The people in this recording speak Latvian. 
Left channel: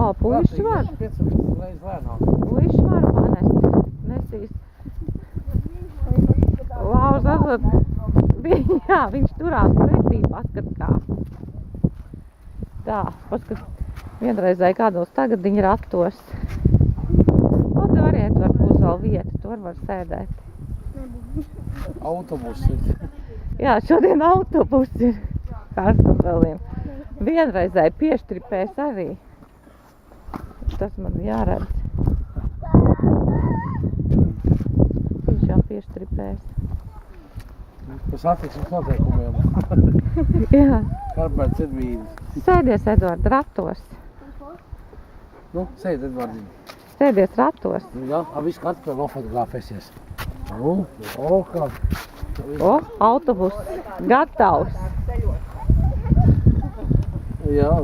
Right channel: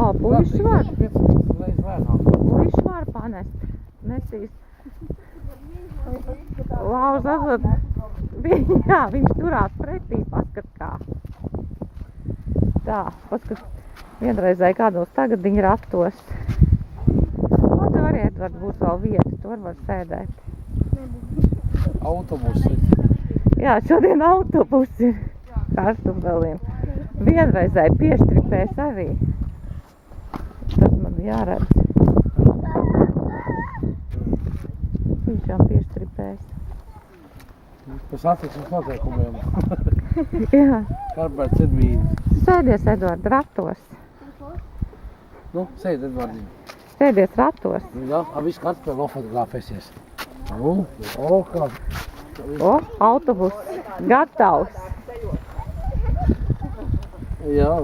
O, puiši var. 5 reizes lēnāk. Puiši var panest. Nesīs. Lauz atzot. Jā, viņš turās pretī, paskat kā. Tā, paskat. Vienreizēji kādos tagadiņu ratos. O, te variet, var būs vēl vieta, tur var sēdēt. Autobusi. Jā, šodien autobusi ir kartupeļiem. Vienreizēji pieštripēs arī. Tas man jāredz. Tiešām pieštripēs. Par satiksmes noteikumiem. Jā. Karberts Edvīns. Sēdies, Edvard, ratos. Nu, sēd Edvardiņ. Sēdies ratos. Jā, visu kartupeļu nofotografēsies. O, kā. O, autobus gatavs. Jā.